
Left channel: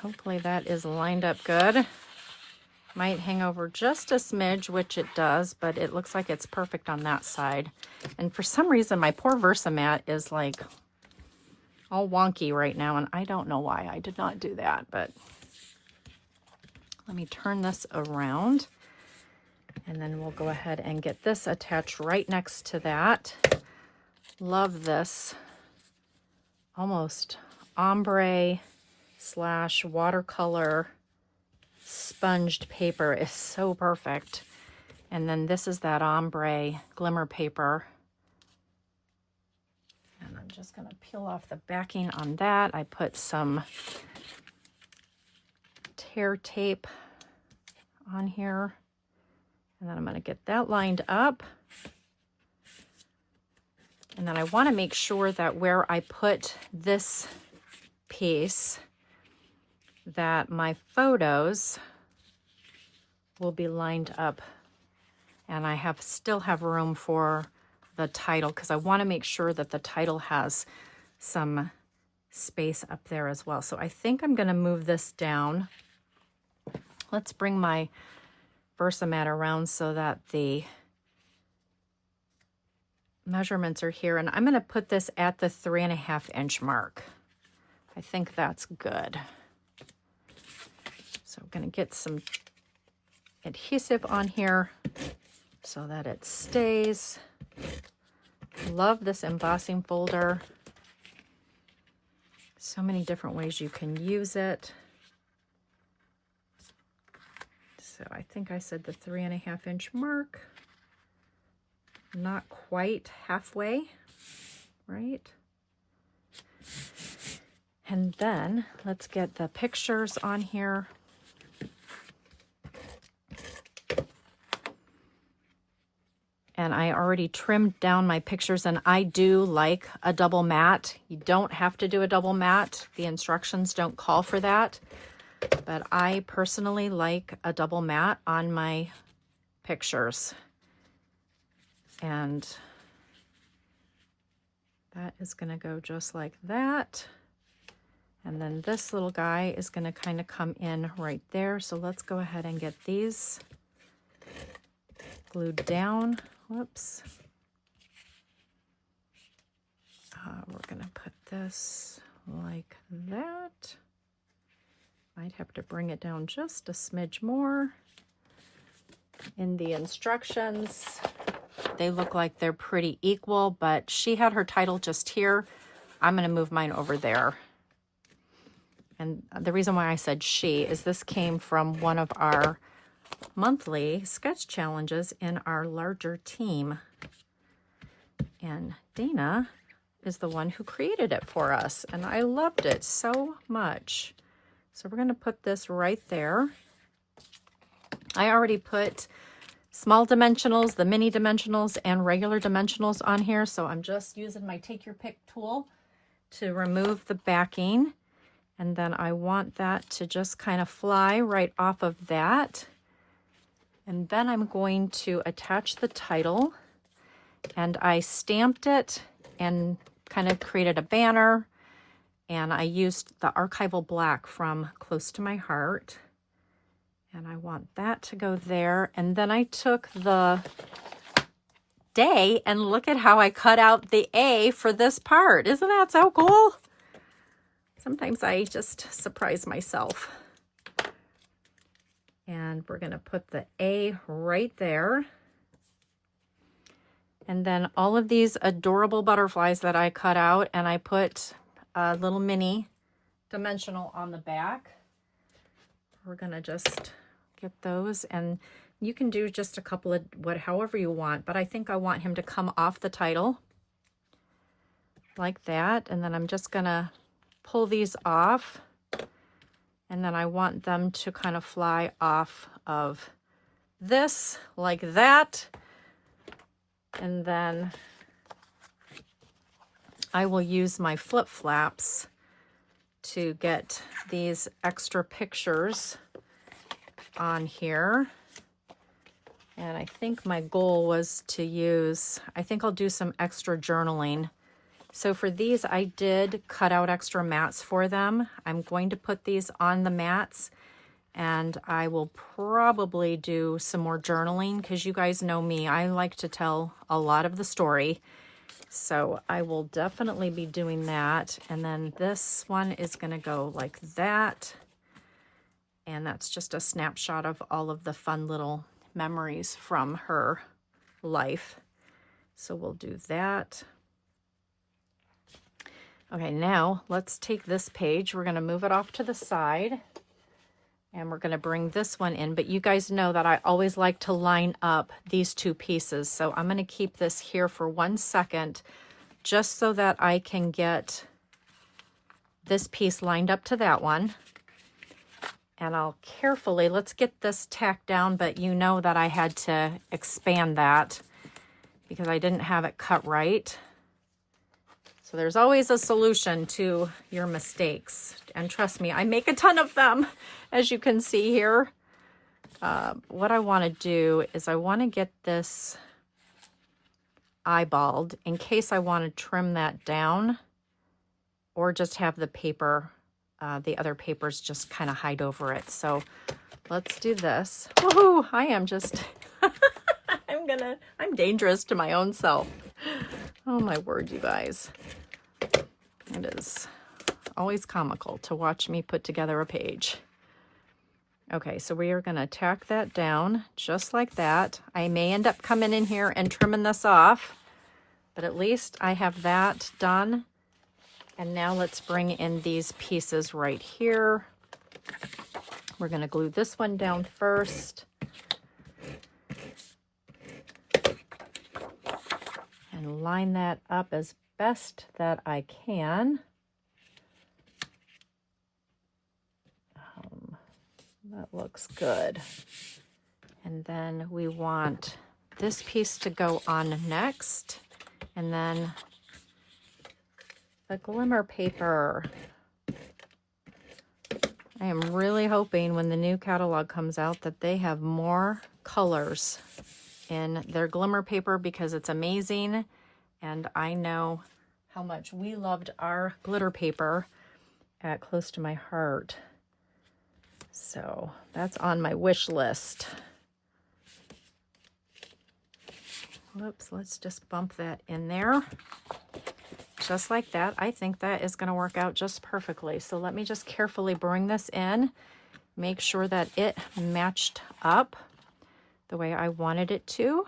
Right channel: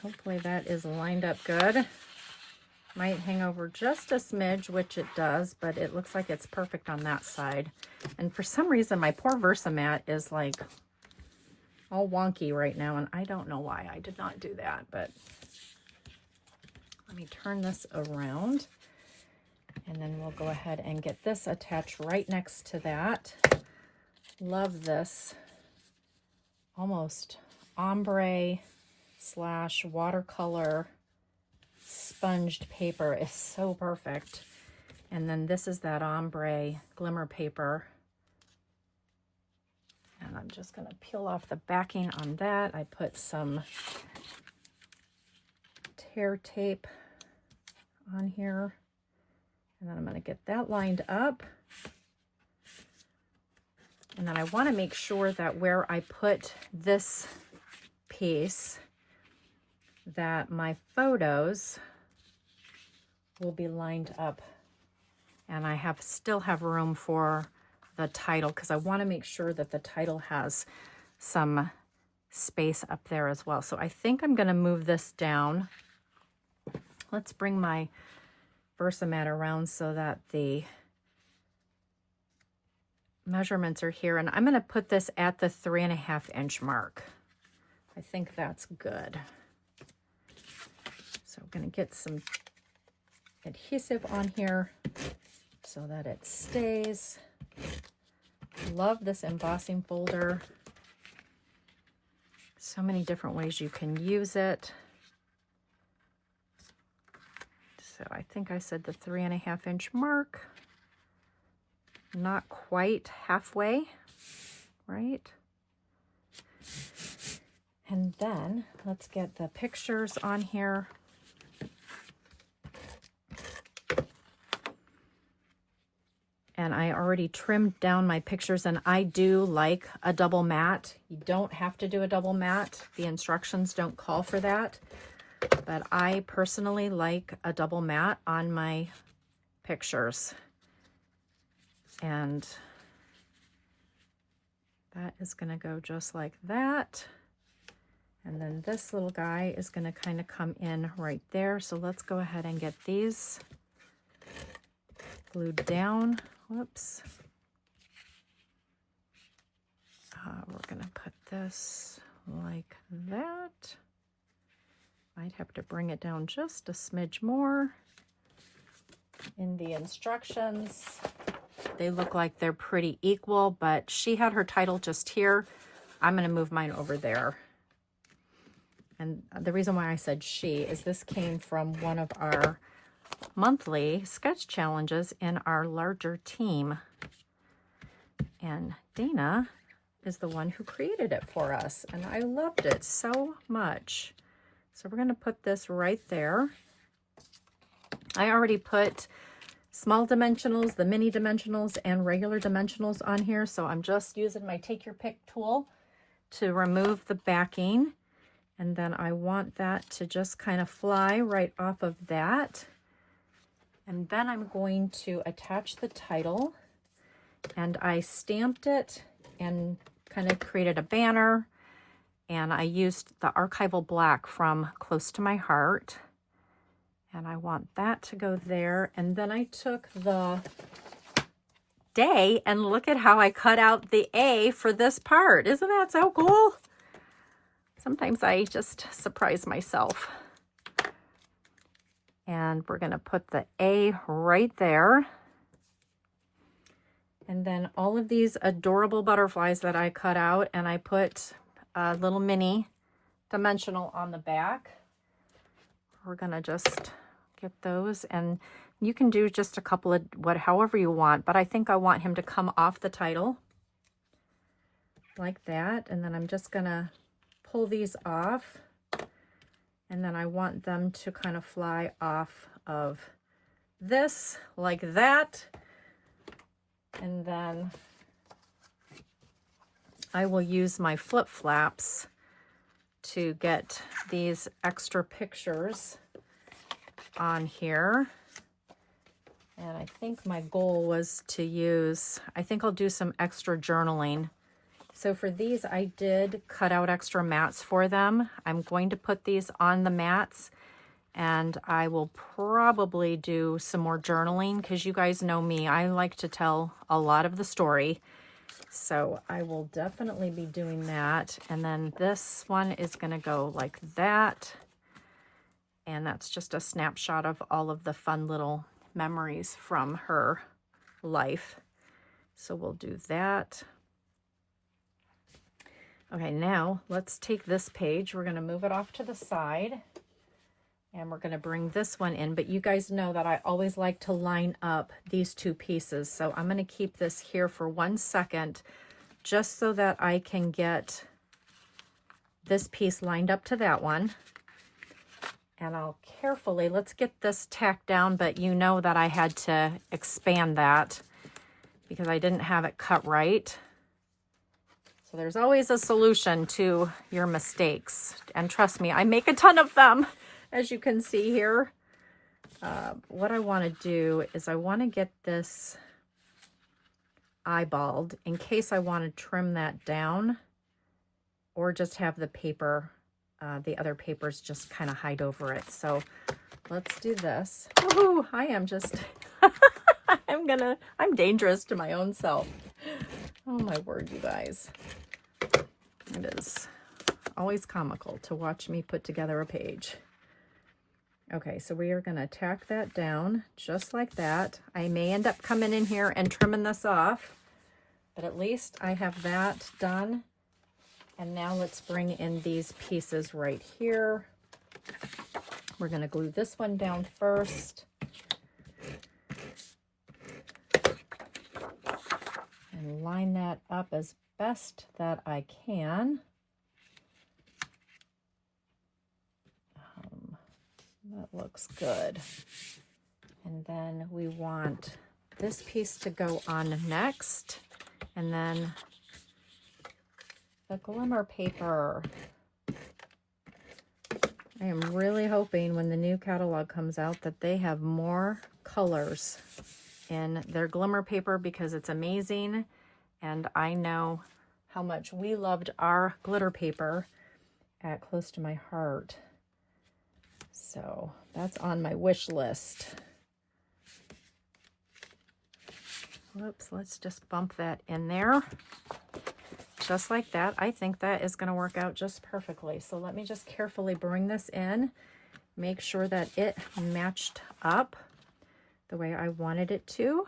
Hopefully that is lined up good. Might hang over just a smidge, which it does, but it looks like it's perfect on that side. And for some reason, my poor Versamat is like all wonky right now, and I don't know why I did not do that, but let me turn this around, and then we'll go ahead and get this attached right next to that. Love this almost ombre / watercolor sponged paper. Is so perfect. And then this is that ombre glimmer paper. And I'm just going to peel off the backing on that. I put some tear tape on here. And then I'm going to get that lined up. And then I want to make sure that where I put this piece, that my photos will be lined up. And I still have room for the title, because I want to make sure that the title has some space up there as well. So I think I'm going to move this down. Let's bring my Versamat around so that the measurements are here. And I'm going to put this at the 3.5 inch mark. I think that's good. So I'm going to get some adhesive on here so that it stays. Love this embossing folder. So many different ways you can use it. So I think I said the 3.5 inch mark. Not quite halfway, right? And then let's get the pictures on here. And I already trimmed down my pictures, and I do like a double mat. You don't have to do a double mat. The instructions don't call for that. But I personally like a double mat on my pictures. And that is going to go just like that. And then this little guy is going to kind of come in right there. So let's go ahead and get these glued down. Whoops. We're going to put this like that. Might have to bring it down just a smidge more. In the instructions, they look like they're pretty equal, but she had her title just here. I'm going to move mine over there. And the reason why I said she is this came from one of our monthly sketch challenges in our larger team. And Dana is the one who created it for us, and I loved it so much. So we're going to put this right there. I already put small dimensionals, the mini dimensionals, and regular dimensionals on here. So I'm just using my take your pick tool to remove the backing. And then I want that to just kind of fly right off of that. And then I'm going to attach the title. And I stamped it and kind of created a banner. And I used the archival black from Close to My Heart. And I want that to go there. And then I took the day and look at how I cut out the A for this part. Isn't that so cool? Sometimes I just surprise myself. And we're going to put the A right there. And then all of these adorable butterflies that I cut out, and I put a little mini dimensional on the back. We're going to just get those, and you can do just a couple of however you want, but I think I want him to come off the title like that. And then I'm just going to pull these off, and then I want them to kind of fly off of this like that. And then I will use my flip flaps to get these extra pictures on here. And I think my goal was to use, I think I'll do some extra journaling. So for these, I did cut out extra mats for them. I'm going to put these on the mats, and I will probably do some more journaling because you guys know me. I like to tell a lot of the story. So I will definitely be doing that. And then this one is going to go like that. And that's just a snapshot of all of the fun little memories from her life. So we'll do that. Okay, now let's take this page. We're going to move it off to the side. And we're going to bring this one in. But you guys know that I always like to line up these two pieces. So I'm going to keep this here for 1 second just so that I can get this piece lined up to that one. And I'll carefully, let's get this tacked down, but you know that I had to expand that because I didn't have it cut right. So there's always a solution to your mistakes. And trust me, I make a ton of them, as you can see here. What I want to do is I want to get this eyeballed in case I want to trim that down or just have the paper, the other papers just kind of hide over it. So let's do this. Woohoo! I am just, I'm dangerous to my own self. Oh my word, you guys. It is always comical to watch me put together a page. Okay, so we are going to tack that down just like that. I may end up coming in here and trimming this off, but at least I have that done. And now let's bring in these pieces right here. We're going to glue this one down first. And line that up as best that I can. That looks good. And then we want this piece to go on next. And then the glimmer paper. I am really hoping when the new catalog comes out that they have more colors in their glimmer paper because it's amazing. And I know how much we loved our glitter paper at Close to My Heart. So that's on my wish list. Whoops, let's just bump that in there. Just like that. I think that is going to work out just perfectly. So let me just carefully bring this in. Make sure that it matched up the way I wanted it to.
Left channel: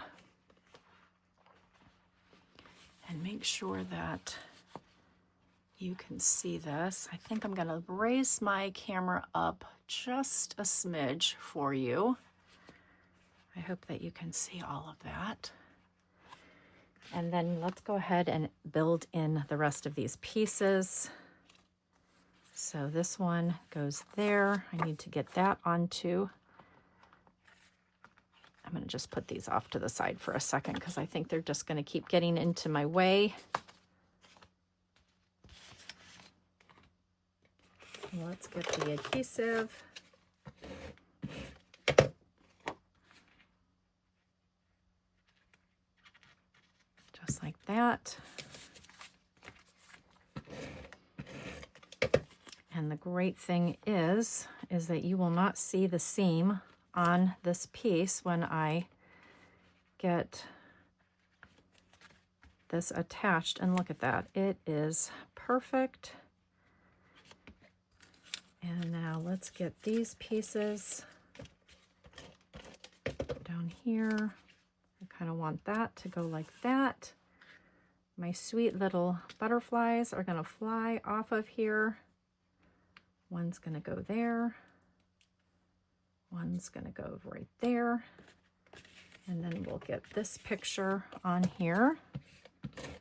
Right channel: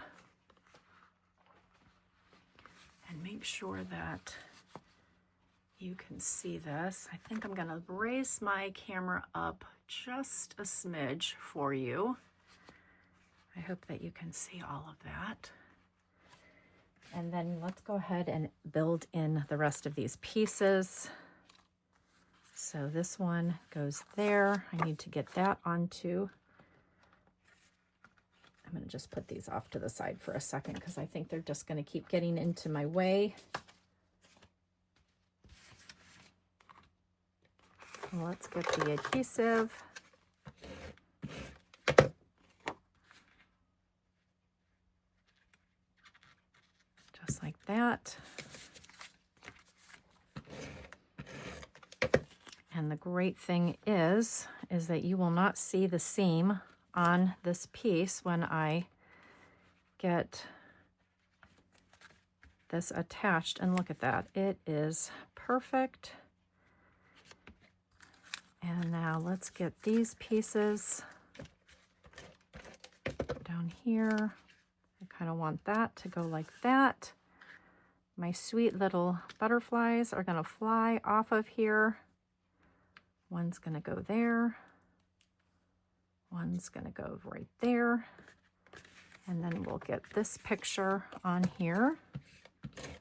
And make sure that you can see this. I think I'm going to raise my camera up just a smidge for you. I hope that you can see all of that. And then let's go ahead and build in the rest of these pieces. So this one goes there. I need to get that onto. I'm going to just put these off to the side for a second because I think they're just going to keep getting into my way. And let's get the adhesive. Just like that. And the great thing is that you will not see the seam on this piece when I get this attached. And look at that. It is perfect. And now let's get these pieces down here. I kind of want that to go like that. My sweet little butterflies are going to fly off of here. One's going to go there. One's going to go right there. And then we'll get this picture on here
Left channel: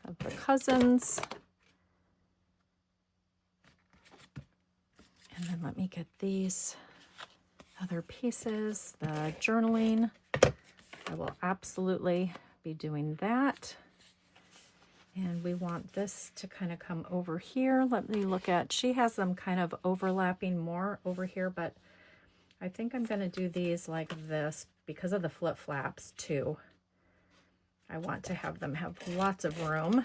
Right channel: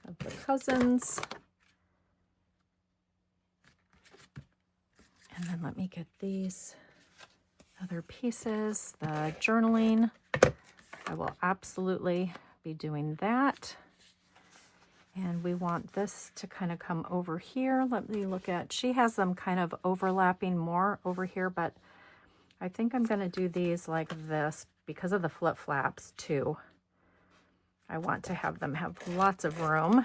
of the cousins. And then let me get these other pieces, the journaling. I will absolutely be doing that. And we want this to kind of come over here. Let me look at, she has them kind of overlapping more over here, but I think I'm going to do these like this because of the flip flaps too. I want to have them have lots of room.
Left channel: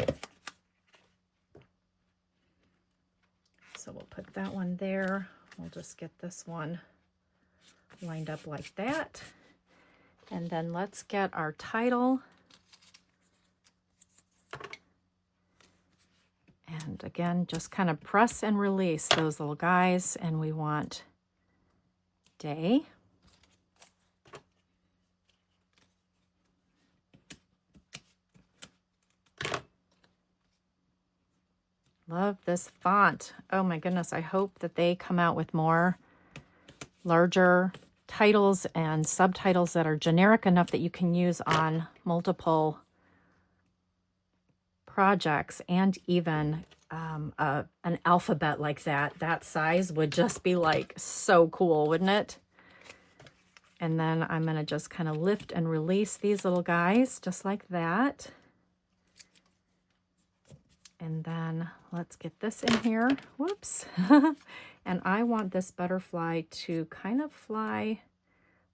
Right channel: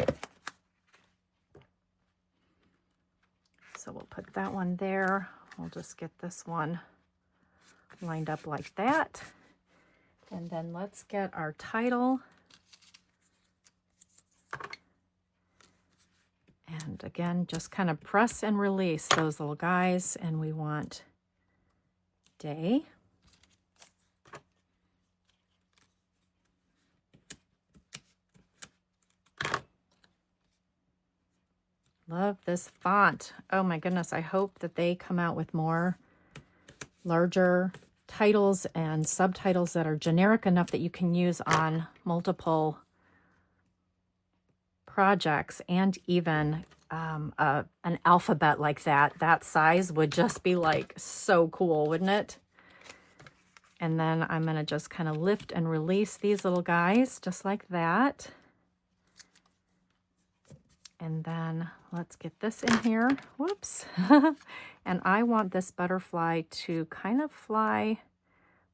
So we'll put that one there. We'll just get this one lined up like that. And then let's get our title. And again, just kind of press and release those little guys, and we want day. Love this font. Oh my goodness, I hope that they come out with more larger titles and subtitles that are generic enough that you can use on multiple projects, and even an alphabet like that size would just be like so cool, wouldn't it? And then I'm going to just kind of lift and release these little guys just like that. And then let's get this in here. Whoops. And I want this butterfly to kind of fly.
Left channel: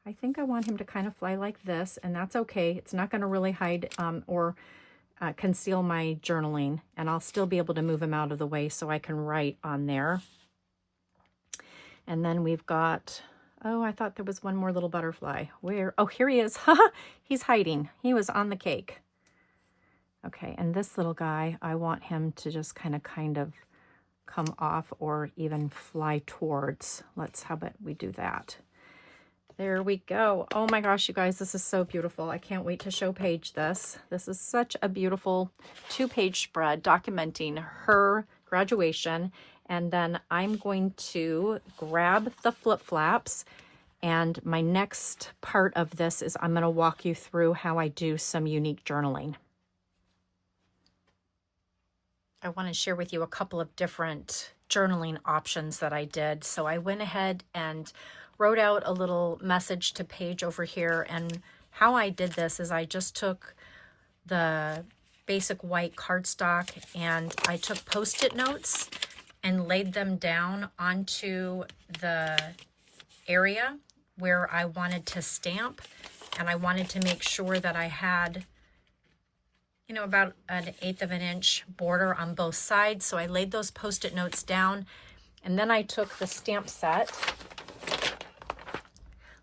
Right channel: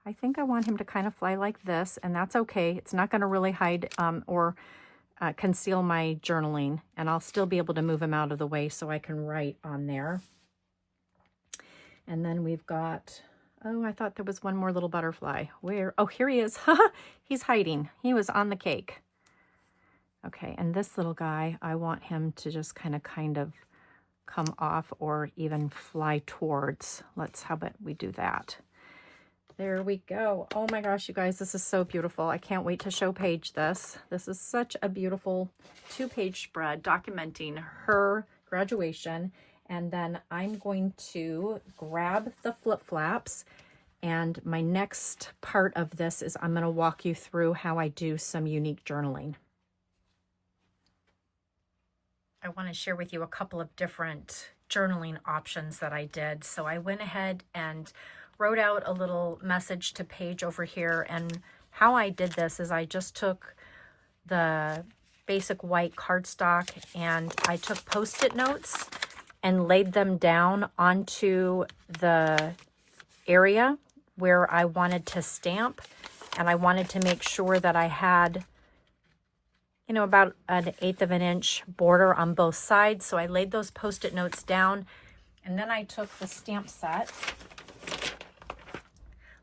I think I want him to kind of fly like this, and that's okay. It's not going to really hide or conceal my journaling, and I'll still be able to move him out of the way so I can write on there. And then we've got, oh, I thought there was one more little butterfly. Where? Oh, here he is. He's hiding. He was on the cake. Okay, and this little guy, I want him to just kind of come off or even fly towards. How about we do that? There we go. Oh my gosh, you guys, this is so beautiful. I can't wait to show Paige this. This is such a beautiful 2-page spread documenting her graduation. And then I'm going to grab the flip flaps. And my next part of this is I'm going to walk you through how I do some unique journaling. I want to share with you a couple of different journaling options that I did. So I went ahead and wrote out a little message to Paige over here. And how I did this is I just took the basic white cardstock and I took Post-it notes and laid them down onto the area where I wanted to stamp. And I wanted to make sure that I had, you know, about 1/8 of an inch border on both sides. So I laid those Post-it notes down, and then I took the stamp set,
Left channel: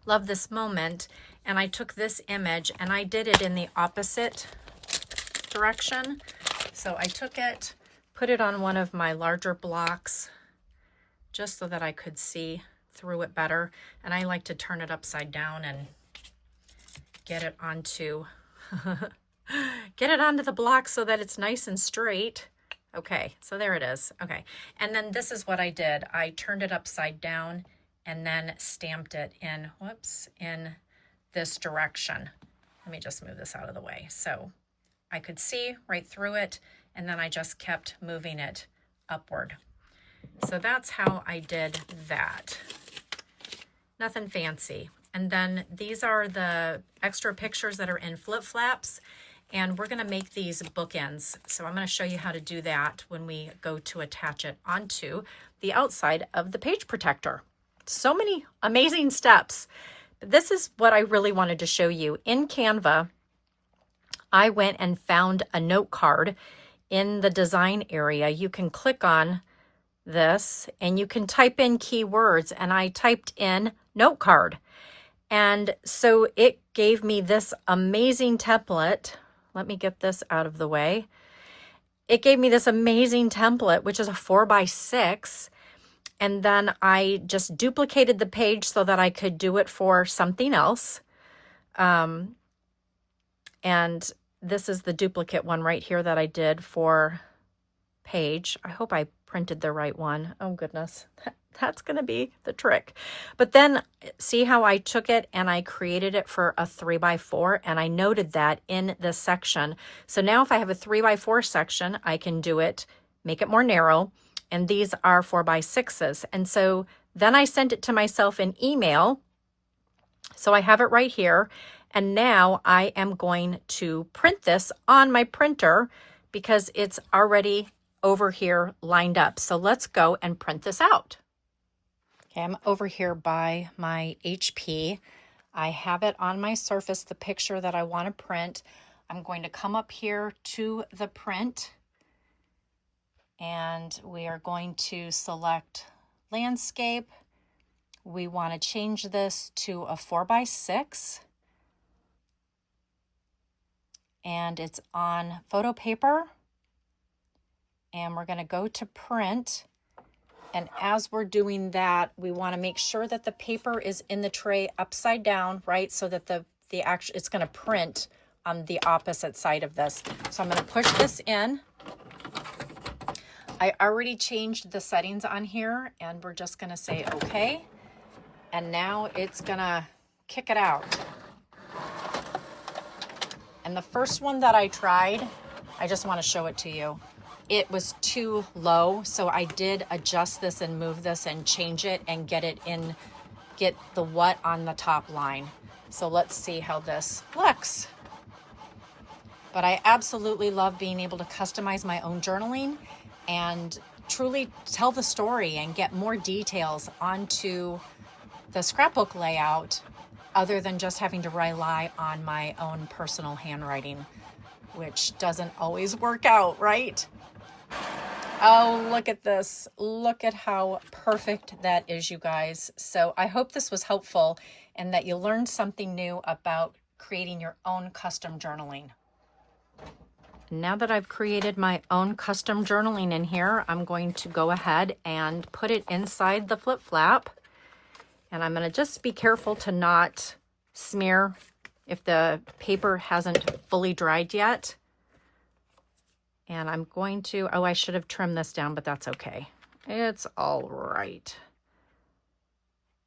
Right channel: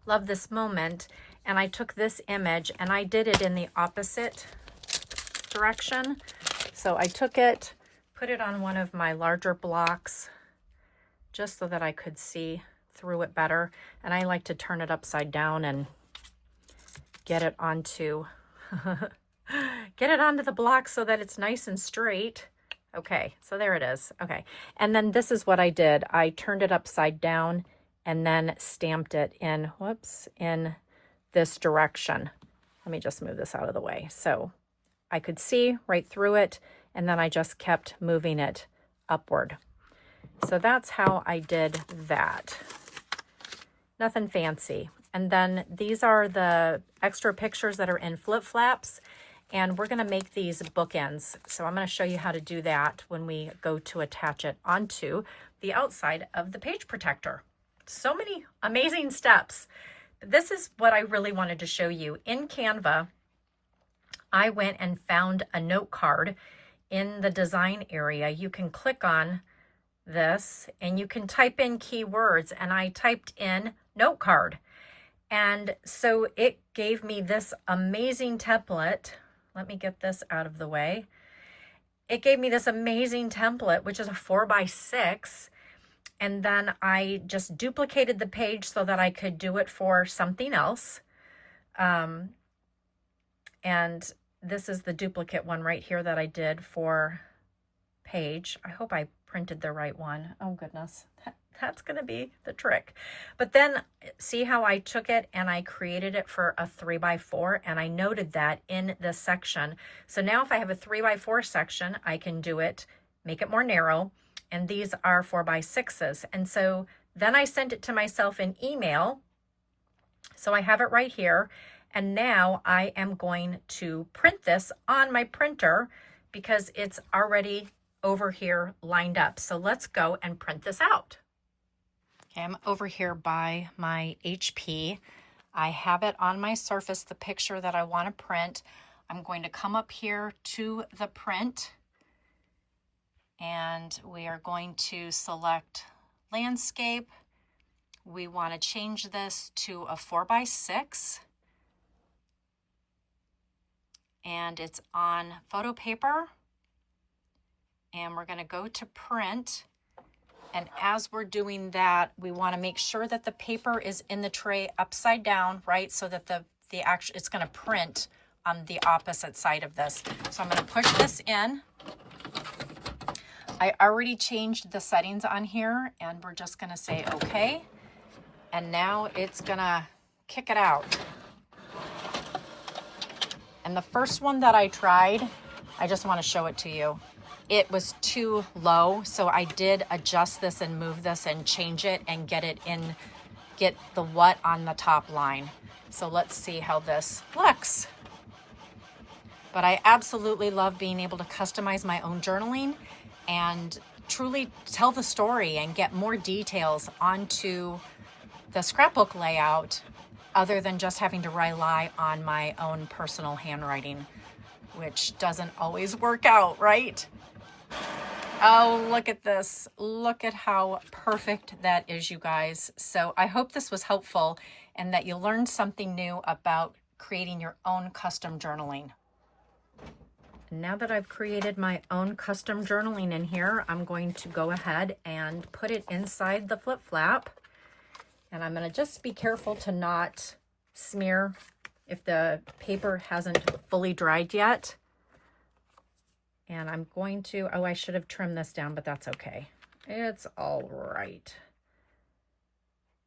Love This Moment, and I took this image and I did it in the opposite direction. So I took it, put it on one of my larger blocks just so that I could see through it better. And I like to turn it upside down and get it onto the block so that it's nice and straight. Okay, so there it is. Okay, and then this is what I did. I turned it upside down and then stamped it in, in this direction. Let me just move this out of the way so I could see right through it, and then I just kept moving it upward. So that's how I did that. Nothing fancy. And then these are the extra pictures that are in flip flaps, and we're going to make these bookends. So I'm going to show you how to do that when we go to attach it onto the outside of the page protector. So many amazing steps. This is what I really wanted to show you. In Canva, I went and found a note card in the design area. You can click on this and you can type in keywords, and I typed in note card. And so it gave me this amazing template. Let me get this out of the way. It gave me this amazing template, which is a 4x6. And then I just duplicated the page so that I could do it for something else. And this is the duplicate one right here that I did for Paige. I hope I printed the right one. Oh goodness, that's going to be the trick. But then see how I took it and I created it for a 3x4, and I noted that in this section. So now if I have a 3x4 section, I can do it, make it more narrow. And these are 4x6s. And so then I sent it to myself in email. So I have it right here. And now I am going to print this on my printer because it's already over here lined up. So let's go and print this out. Okay, I'm over here by my HP. I have it on my Surface, the picture that I want to print. I'm going to come up here to the print, and we are going to select landscape. We want to change this to a 4x6. And it's on photo paper. and we're going to go to print. And as we're doing that, we want to make sure that the paper is in the tray upside down, right? So that it's going to print on the opposite side of this. So I'm going to push this in. I already changed the settings on here, and we're just going to say okay. And now it's going to kick it out. And the first one that I tried, I just want to show it to you. It was too low, so I did adjust this and move this and change it and get the what on the top line. So let's see how this looks. But I absolutely love being able to customize my own journaling and truly tell the story and get more details onto the scrapbook layout other than just having to rely on my own personal handwriting, which doesn't always work out, right? Oh, look at this. Look at how perfect that is, you guys. So I hope this was helpful and that you learned something new about creating your own custom journaling. Now that I've created my own custom journaling in here, I'm going to go ahead and put it inside the flip flap. And I'm going to just be careful to not smear if the paper hasn't fully dried yet. And I'm going to, oh, I should have trimmed this down, but that's okay. It's all right.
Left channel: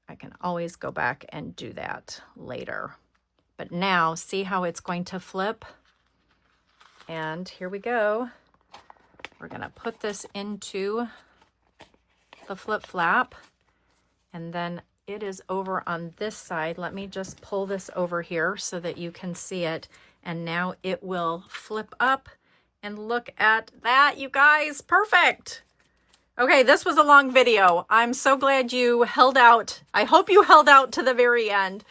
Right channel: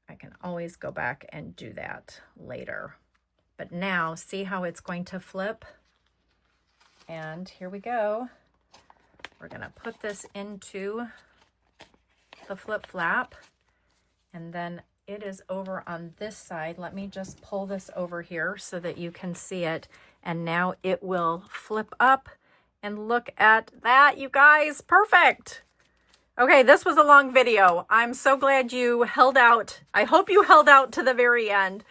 I can always go back and do that later. But now, see how it's going to flip? And here we go. We're going to put this into the flip flap. And then it is over on this side. Let me just pull this over here so that you can see it. And now it will flip up. And look at that, you guys. Perfect. Okay, this was a long video. I'm so glad you held out. I hope you held out to the very end.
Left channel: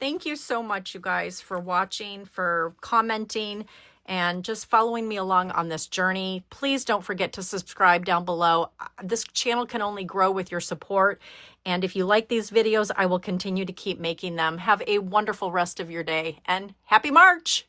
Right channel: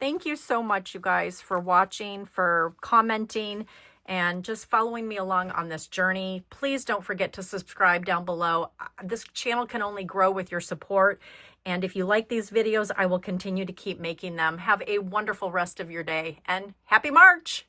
Thank you so much, you guys, for watching, for commenting, and just following me along on this journey. Please don't forget to subscribe down below. This channel can only grow with your support. And if you like these videos, I will continue to keep making them. Have a wonderful rest of your day, and happy March!